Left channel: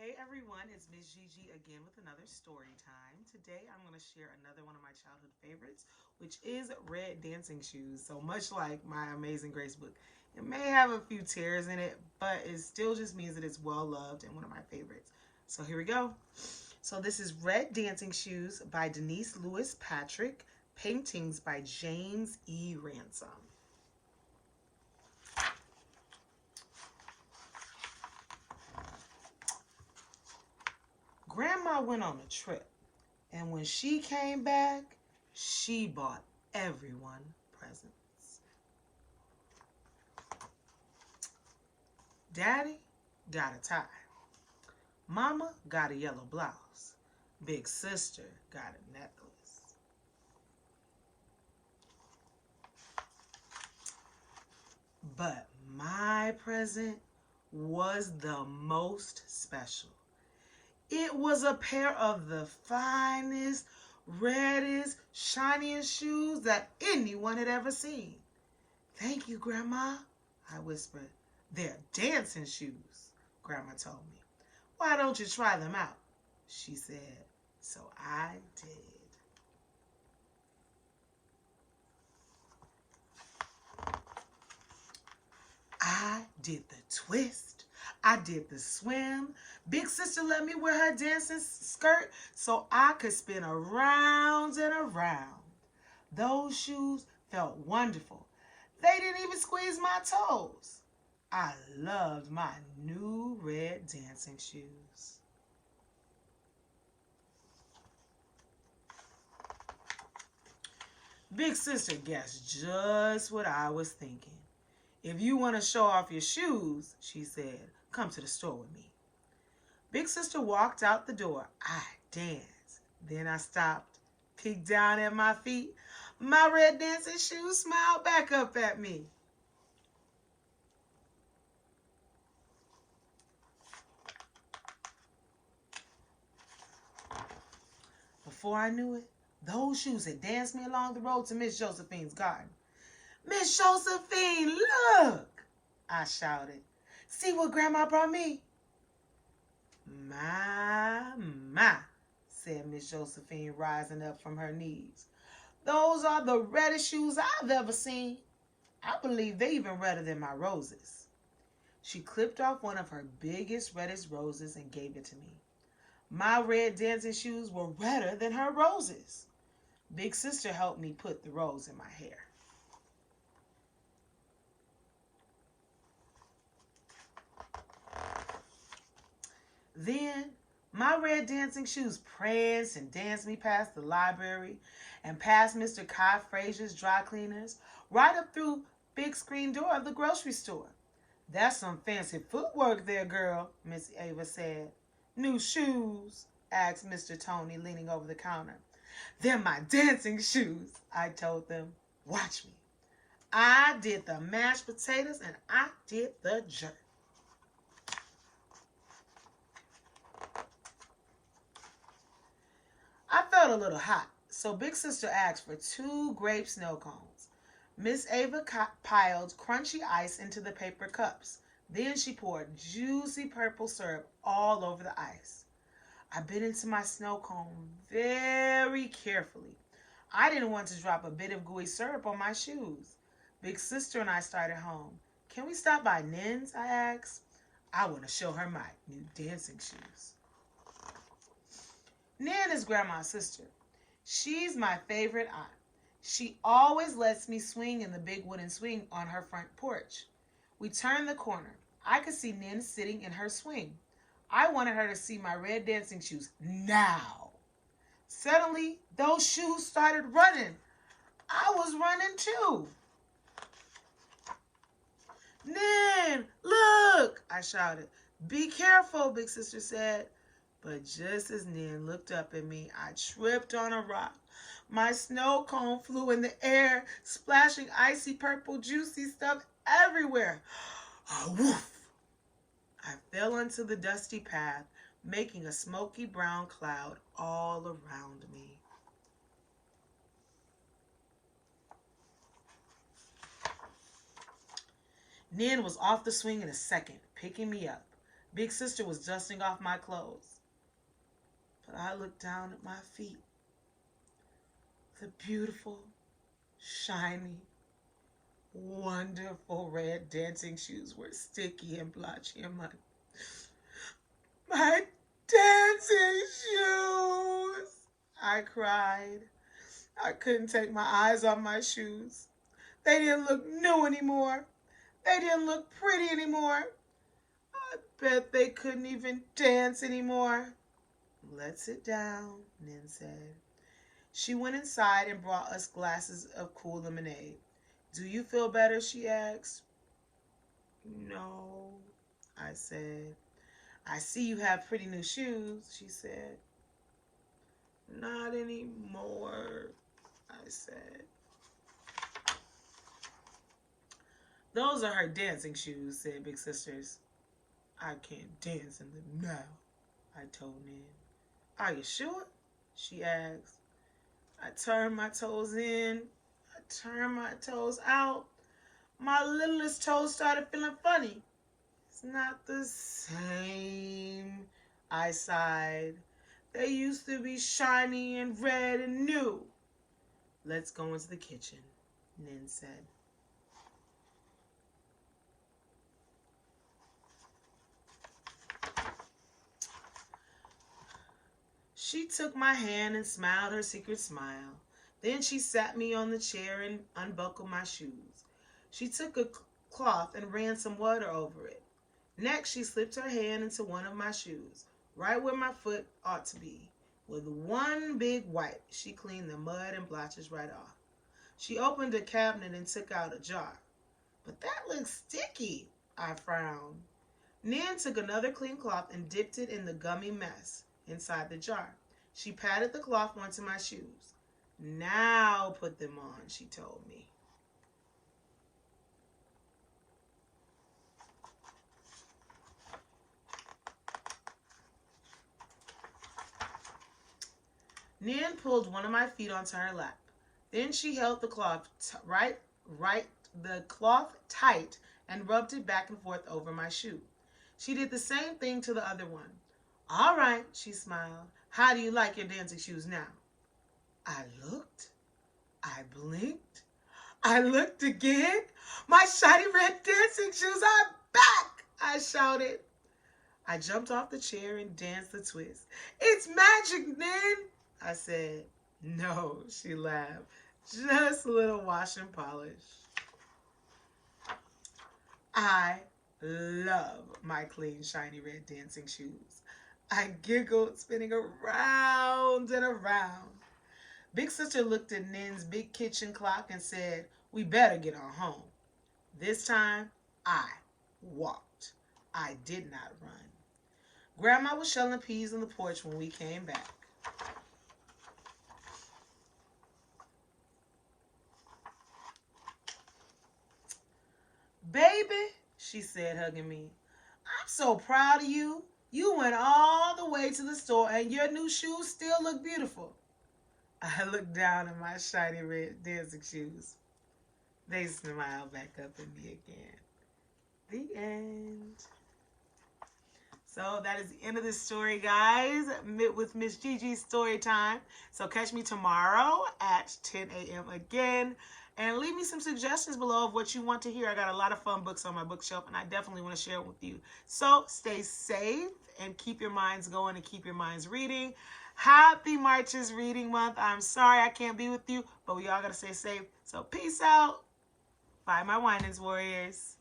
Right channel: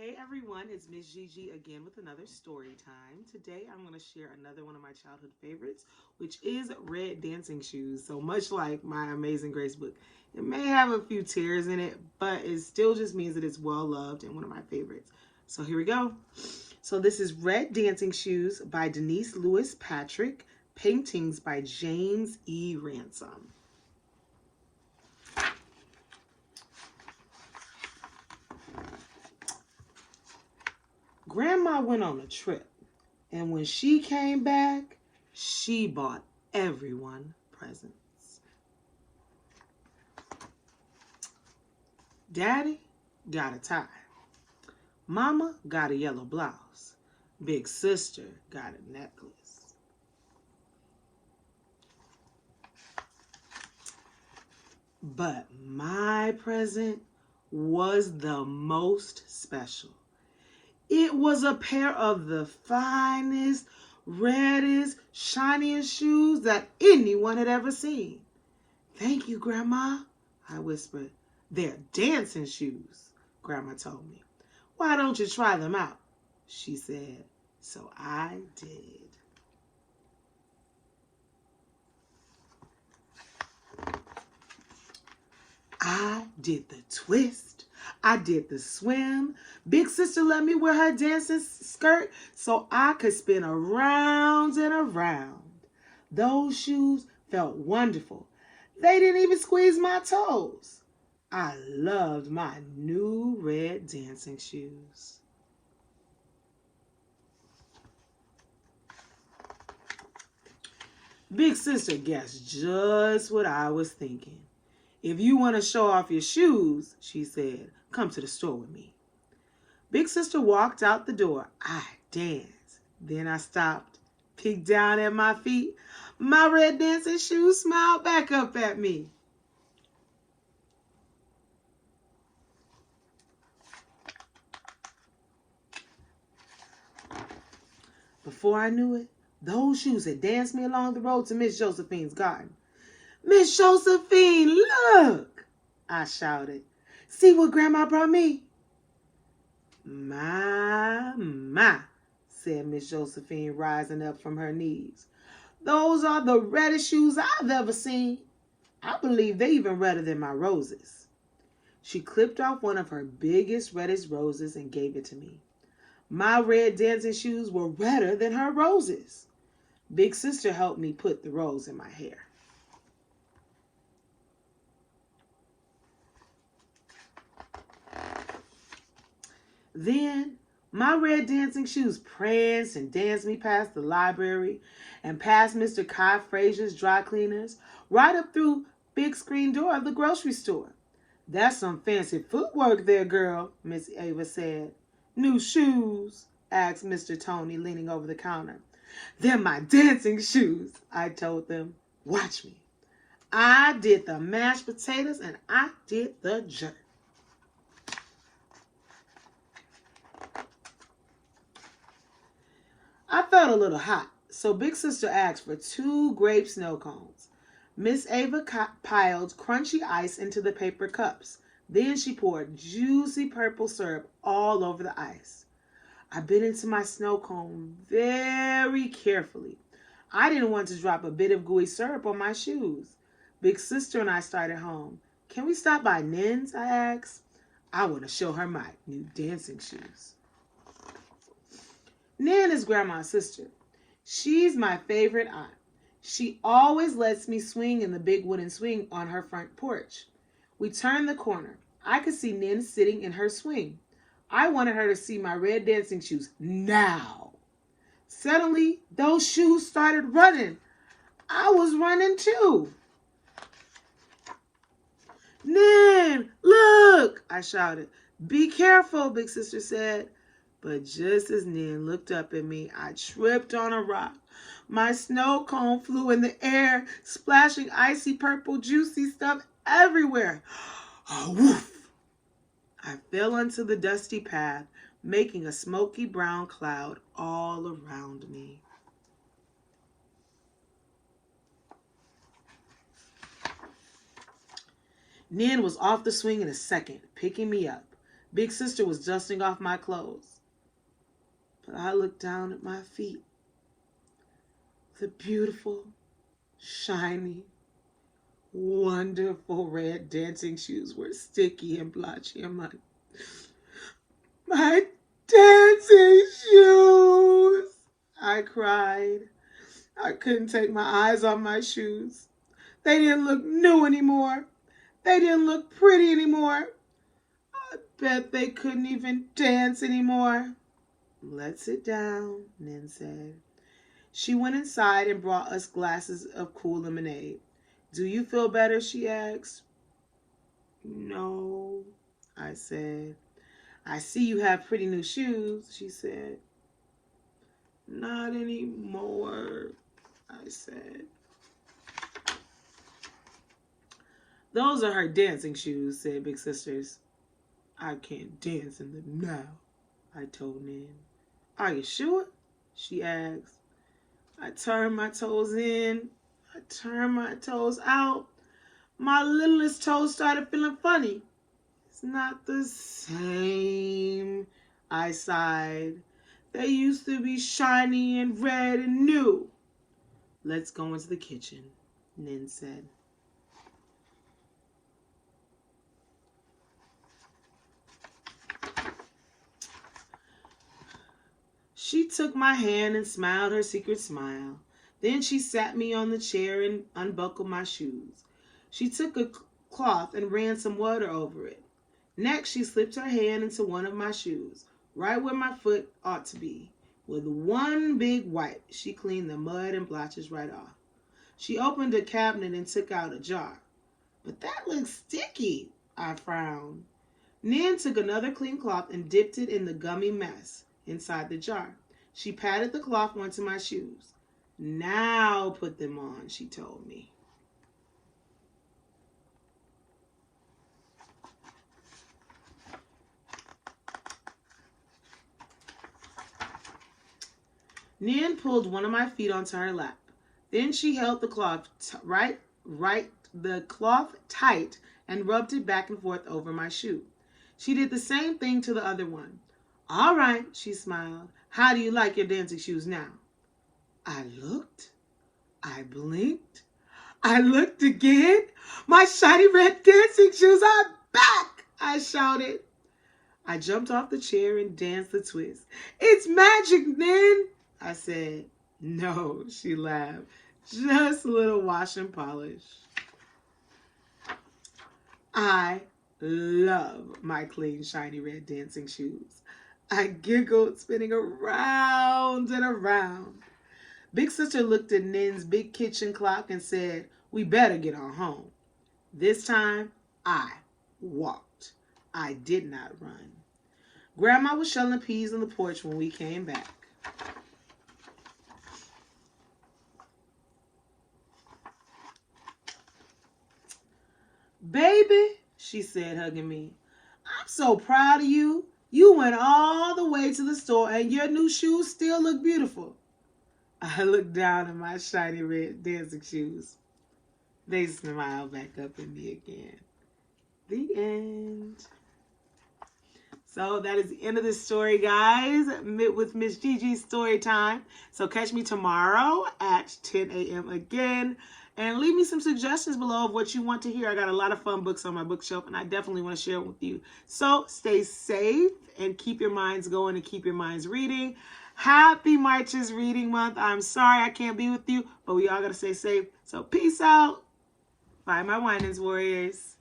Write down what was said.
Hey everyone, it's Miss Gigi again with another story time. Today I'm going to share another one of my childhood favorites, which is Red Dancing Shoes. So much like my Amazing Grace book, it may have a few tears in it, but it still just means that it's well loved and one of my favorites. So here we go. So this is Red Dancing Shoes by Denise Lewis Patrick, paintings by James E. Ransom. Grandma went on a trip, and when she came back, she bought everyone presents. Daddy got a tie. Mama got a yellow blouse. Big sister got a necklace. But my present was the most special. It was a pair of the finest, reddest, shiniest shoes that anyone had ever seen. Thank you, Grandma, I whispered. They're dancing shoes, Grandma told me. Why don't you try them out? She said. So I did. I did the twist. I did the swim. Big sister let me wear her dancing skirt so I could spin around and around. Those shoes felt wonderful. They didn't even squeeze my toes. I loved my new red dancing shoes. Big sister guessed just what I was thinking. If you want to show off your shoes, she said, come to the store with me. Big sister walked out the door. I danced. Then I stopped, peeked down at my feet. My red dancing shoes smiled back up at me. Before I knew it, those shoes had danced me along the road to Miss Josephine's garden. Miss Josephine, look, I shouted. See what Grandma brought me? My, said Miss Josephine, rising up from her knees. Those are the reddest shoes I've ever seen. I believe they're even redder than my roses. She clipped off one of her biggest, reddest roses and gave it to me. My red dancing shoes were redder than her roses. Big sister helped me put the rose in my hair. Then my red dancing shoes pranced and danced me past the library and past Mr. Kai Frazier's dry cleaners, right up through big screen door of the grocery store. That's some fancy footwork there, girl, Miss Ava said. New shoes? Asked Mr. Tony, leaning over the counter. They're my dancing shoes, I told them. Watch me. I did the mashed potatoes and I did the jerk. I felt a little hot, so Big Sister asked for 2 grape snow cones. Miss Ava piled crunchy ice into the paper cups. Then she poured juicy purple syrup all over the ice. I bit into my snow cone very carefully. I didn't want to drop a bit of gooey syrup on my shoes. Big Sister and I started home. Can we stop by Nin's? I asked. I want to show her my new dancing shoes. Nan is Grandma's sister. She's my favorite aunt. She always lets me swing in the big wooden swing on her front porch. We turned the corner. I could see Nan sitting in her swing. I wanted her to see my red dancing shoes now. Suddenly, those shoes started running. I was running too. Nan, look, I shouted. Be careful, Big Sister said. But just as Nan looked up at me, I tripped on a rock. My snow cone flew in the air, splashing icy purple juicy stuff everywhere. Oh, woof! I fell onto the dusty path, making a smoky brown cloud all around me. Nan was off the swing in a second, picking me up. Big sister was dusting off my clothes, but I looked down at my feet. The beautiful, shiny, wonderful red dancing shoes were sticky and blotchy and muddy. My dancing shoes! I cried. I couldn't take my eyes off my shoes. They didn't look new anymore. They didn't look pretty anymore. I bet they couldn't even dance anymore. Let's sit down, Nin said. She went inside and brought us glasses of cool lemonade. Do you feel better? She asked. No, I said. I see you have pretty new shoes, she said. Not anymore, I said. Those are her dancing shoes, said Big Sisters. I can't dance in them now, I told Nin. Are you sure? She asked. I turned my toes in. I turned my toes out. My littlest toes started feeling funny. It's not the same, I sighed. They used to be shiny and red and new. Let's go into the kitchen, Nin said. She took my hand and smiled her secret smile. Then she sat me on the chair and unbuckled my shoes. She took a cloth and ran some water over it. Next, she slipped her hand into one of my shoes, right where my foot ought to be. With one big wipe, she cleaned the mud and blotches right off. She opened a cabinet and took out a jar. But that looks sticky, I frowned. Nin took another clean cloth and dipped it in the gummy mess inside the jar. She patted the cloth onto my shoes. Now put them on, she told me. Nin pulled one of my feet onto her lap. Then she held the cloth tight and rubbed it back and forth over my shoe. She did the same thing to the other one. All right, she smiled. How do you like your dancing shoes now? I looked. I blinked. I looked again. My shiny red dancing shoes are back, I shouted. I jumped off the chair and danced the twist. It's magic, Nin, I said. No, she laughed. Just a little wash and polish. I love my clean, shiny red dancing shoes. I giggled, spinning around and around. Big Sister looked at Nin's big kitchen clock and said, we better get on home. This time, I walked. I did not run. Grandma was shelling peas on the porch when we came back. Baby, she said, hugging me, I'm so proud of you. You went all the way to the store and your new shoes still look beautiful. I looked down at my shiny red dancing shoes. They smiled back up at me again. The end. So that is the end of this story, guys, with Miss Gigi Storytime. So catch me tomorrow at 10 a.m. again. And leave me some suggestions below of what you want to hear. I got a lot of fun books on my bookshelf, and I definitely want to share it with you. So stay safe and keep your minds going and keep your minds reading. Happy March's Reading Month. I'm sorry I can't be with you, but we all got to stay safe. So peace out. Bye, my Winans Warriors.